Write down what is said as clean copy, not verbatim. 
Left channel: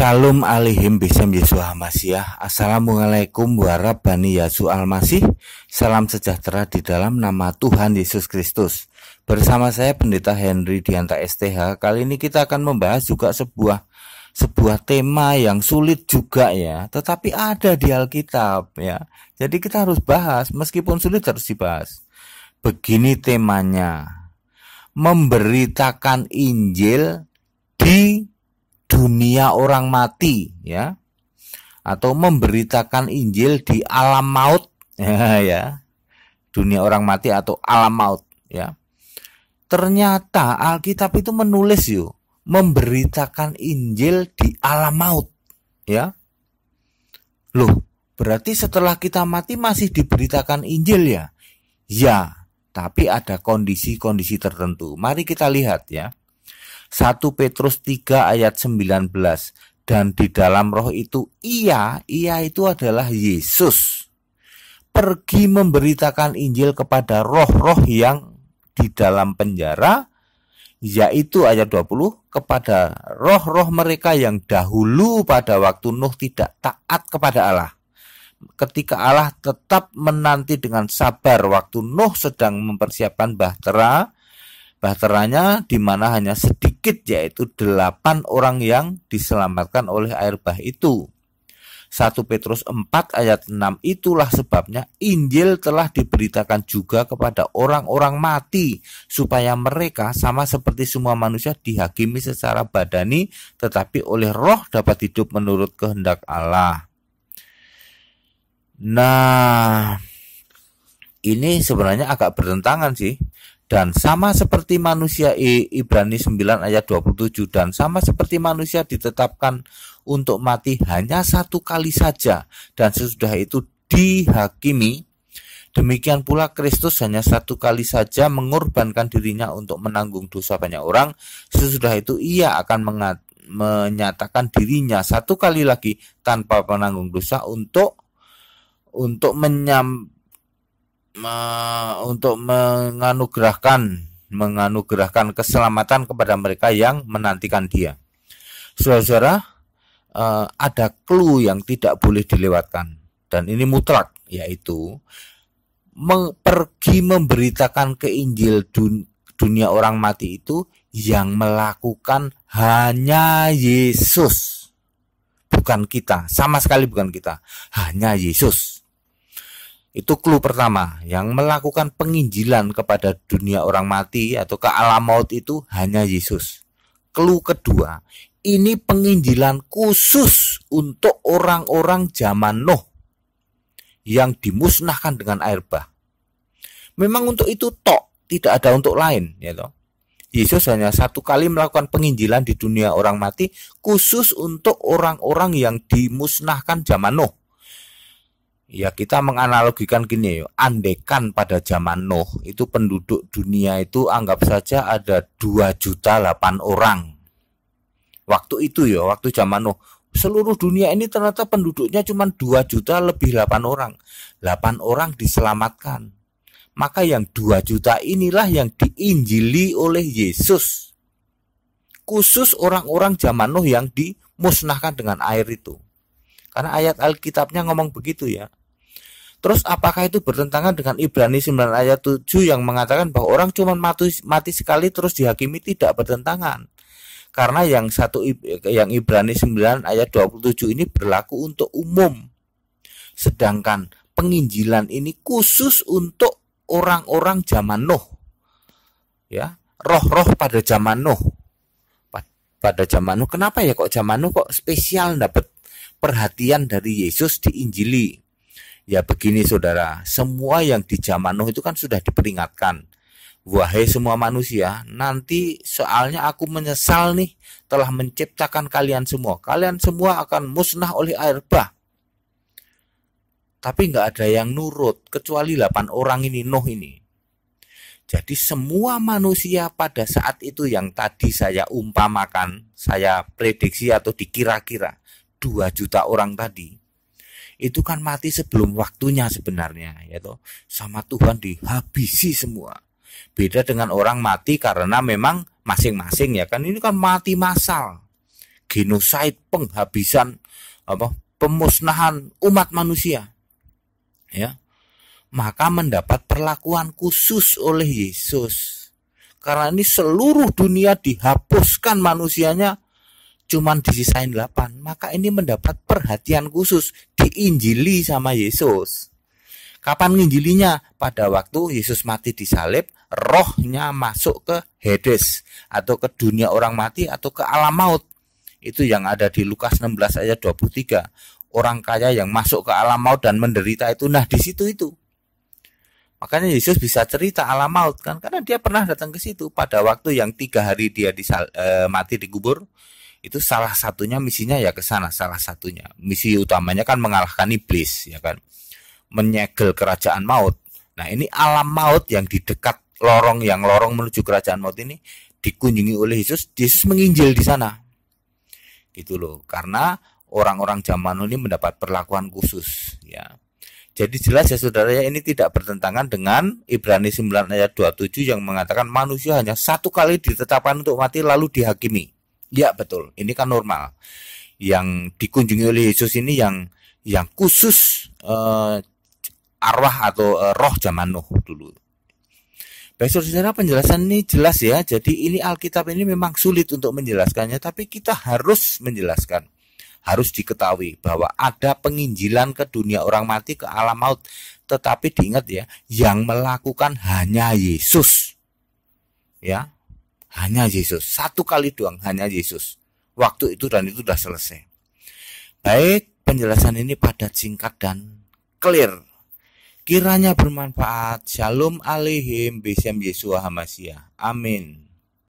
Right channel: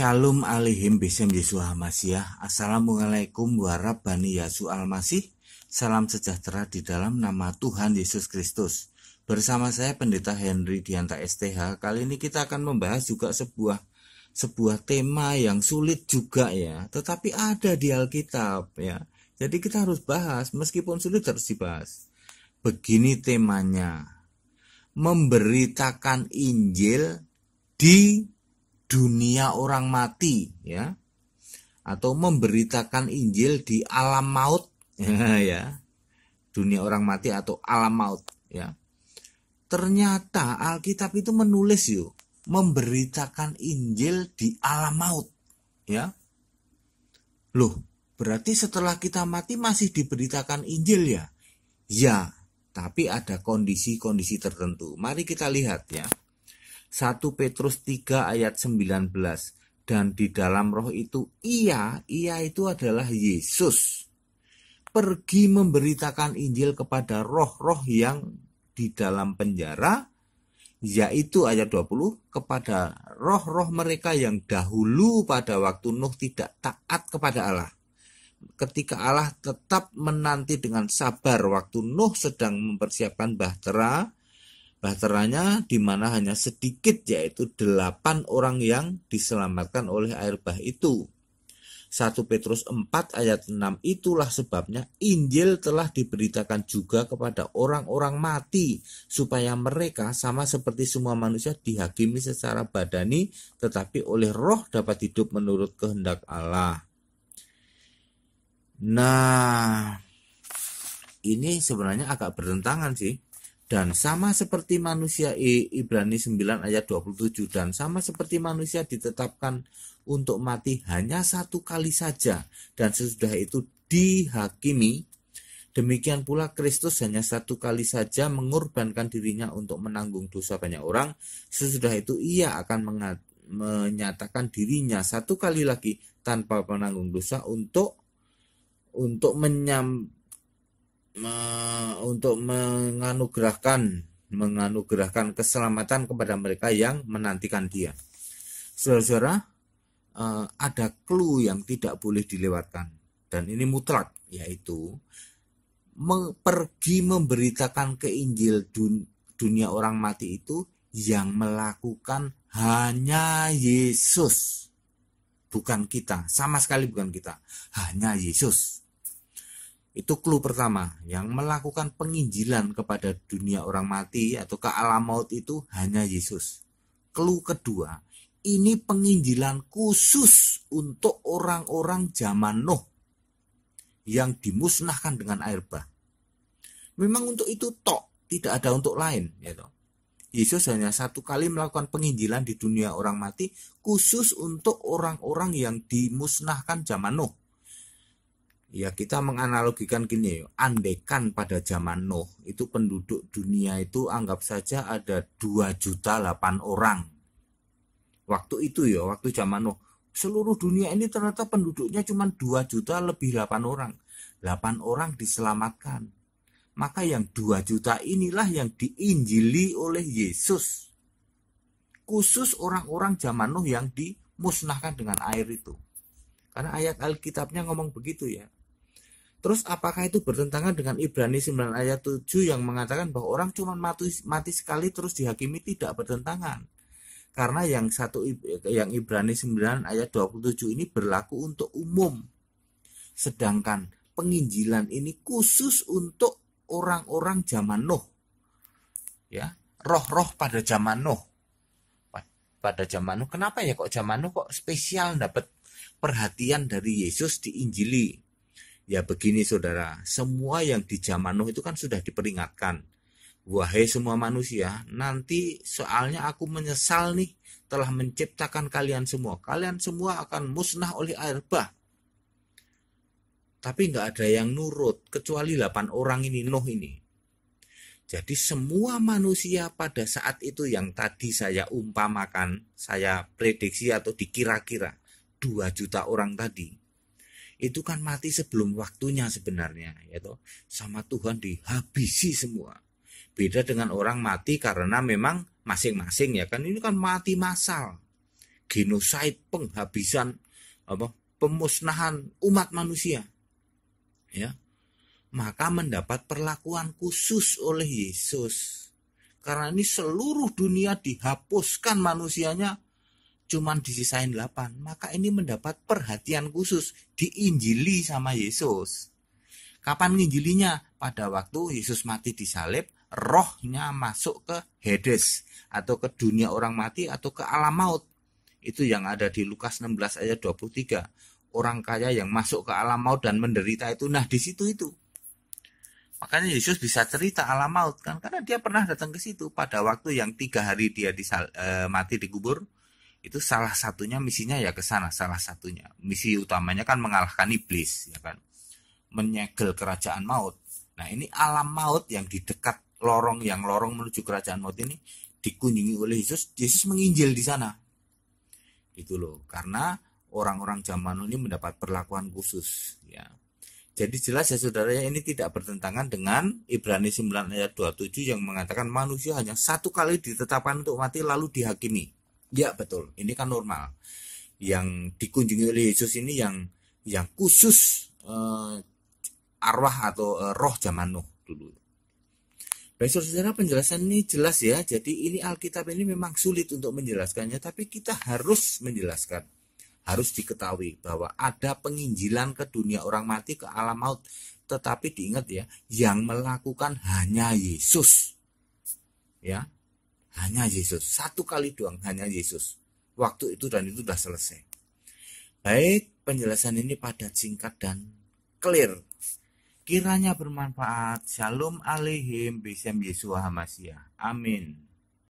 Shalom alaihim bisem Yesua Masiyah. Assalamualaikum warahmatullahi wabarakatuh. Salam sejahtera di dalam nama Tuhan Yesus Kristus. Bersama saya Pendeta Henry Dianta STH. Kali ini kita akan membahas juga sebuah tema yang sulit juga ya, tetapi ada di Alkitab ya. Jadi kita harus bahas, meskipun sulit harus dibahas. Begini temanya: memberitakan Injil di dunia orang mati ya, atau memberitakan Injil di alam maut ya, dunia orang mati atau alam maut ya. Ternyata Alkitab itu menulis memberitakan Injil di alam maut ya. Loh, berarti setelah kita mati masih diberitakan Injil ya? Ya, tapi ada kondisi-kondisi tertentu. Mari kita lihat ya. 1 Petrus 3 ayat 19. Dan di dalam roh itu ia itu adalah Yesus, pergi memberitakan Injil kepada roh-roh yang di dalam penjara, yaitu ayat 20, kepada roh-roh mereka yang dahulu pada waktu Nuh tidak taat kepada Allah, ketika Allah tetap menanti dengan sabar waktu Nuh sedang mempersiapkan bahteranya, di mana hanya sedikit, yaitu 8 orang yang diselamatkan oleh air bah itu. 1 Petrus 4 ayat 6, itulah sebabnya Injil telah diberitakan juga kepada orang-orang mati, supaya mereka sama seperti semua manusia dihakimi secara badani, tetapi oleh roh dapat hidup menurut kehendak Allah. Nah, ini sebenarnya agak bertentangan sih. Dan sama seperti manusia, Ibrani 9 ayat 27, dan sama seperti manusia ditetapkan untuk mati hanya satu kali saja, dan sesudah itu dihakimi, demikian pula Kristus hanya satu kali saja mengorbankan dirinya untuk menanggung dosa banyak orang. Sesudah itu ia akan menyatakan dirinya satu kali lagi tanpa penanggung dosa untuk menganugerahkan keselamatan kepada mereka yang menantikan Dia. Saudara-saudara, ada clue yang tidak boleh dilewatkan, dan ini mutlak, yaitu pergi memberitakan ke Injil dunia orang mati itu yang melakukan hanya Yesus, bukan kita, sama sekali bukan kita, hanya Yesus. Itu clue pertama, yang melakukan penginjilan kepada dunia orang mati atau ke alam maut itu hanya Yesus. Clue kedua, ini penginjilan khusus untuk orang-orang zaman Nuh yang dimusnahkan dengan air bah. Memang untuk itu tok, tidak ada untuk lain ya toh. Yesus hanya satu kali melakukan penginjilan di dunia orang mati khusus untuk orang-orang yang dimusnahkan zaman Nuh. Ya, kita menganalogikan gini andekan pada zaman Nuh itu penduduk dunia itu anggap saja ada 2.008.000 orang. Waktu itu waktu zaman Nuh, seluruh dunia ini ternyata penduduknya cuma 2 juta lebih 8 orang. 8 orang diselamatkan. Maka yang 2 juta inilah yang diinjili oleh Yesus. Khusus orang-orang zaman Nuh yang dimusnahkan dengan air itu. Karena ayat Alkitabnya ngomong begitu ya. Terus apakah itu bertentangan dengan Ibrani 9 ayat 7 yang mengatakan bahwa orang cuma mati sekali terus dihakimi? Tidak bertentangan. Karena yang Ibrani 9 ayat 27 ini berlaku untuk umum. Sedangkan penginjilan ini khusus untuk orang-orang zaman Nuh. Ya, roh-roh pada zaman Nuh. Pada zaman Nuh, kenapa ya kok zaman Nuh kok spesial dapat perhatian dari Yesus diinjili? Ya begini saudara, semua yang di zaman Nuh itu kan sudah diperingatkan. Wahai semua manusia, nanti soalnya aku menyesal nih telah menciptakan kalian semua. Kalian semua akan musnah oleh air bah. Tapi nggak ada yang nurut, kecuali 8 orang ini, Nuh ini. Jadi semua manusia pada saat itu yang tadi saya umpamakan, saya prediksi atau dikira-kira 2 juta orang tadi, itu kan mati sebelum waktunya sebenarnya, yaitu sama Tuhan dihabisi semua. Beda dengan orang mati karena memang masing-masing ya kan, ini kan mati massal. genosid, penghabisan, pemusnahan umat manusia, ya, maka mendapat perlakuan khusus oleh Yesus. Karena ini seluruh dunia dihapuskan manusianya, cuman disisain 8, maka ini mendapat perhatian khusus, diinjili sama Yesus. Kapan nginjilinya? Pada waktu Yesus mati disalib, rohnya masuk ke Hades atau ke dunia orang mati atau ke alam maut. Itu yang ada di Lukas 16 ayat 23. Orang kaya yang masuk ke alam maut dan menderita itu, nah di situ itu. Makanya Yesus bisa cerita alam maut kan, karena dia pernah datang ke situ pada waktu yang 3 hari dia mati dikubur. Itu salah satunya misinya ya ke sana, salah satunya. Misi utamanya kan mengalahkan iblis, ya kan. Menyegel kerajaan maut. Nah, ini alam maut yang di dekat lorong menuju kerajaan maut ini dikunjungi oleh Yesus. Yesus menginjil di sana. Gitu loh. Karena orang-orang zaman ini mendapat perlakuan khusus, ya. Jadi jelas ya saudara, ya, ini tidak bertentangan dengan Ibrani 9 ayat 27 yang mengatakan manusia hanya satu kali ditetapkan untuk mati lalu dihakimi. Ya betul, ini kan normal. Yang dikunjungi oleh Yesus ini yang khusus arwah atau roh zaman Nuh dulu. Baik saudara, penjelasan ini jelas ya. Jadi ini Alkitab ini memang sulit untuk menjelaskannya, tapi kita harus menjelaskan. Harus diketahui bahwa ada penginjilan ke dunia orang mati, ke alam maut. Tetapi diingat ya, yang melakukan hanya Yesus. Ya. Hanya Yesus, satu kali doang, hanya Yesus. Waktu itu dan itu sudah selesai. Baik, penjelasan ini padat, singkat, dan clear. Kiranya bermanfaat. Shalom Aleichem, Besem Yeshua HaMashiach. Amin.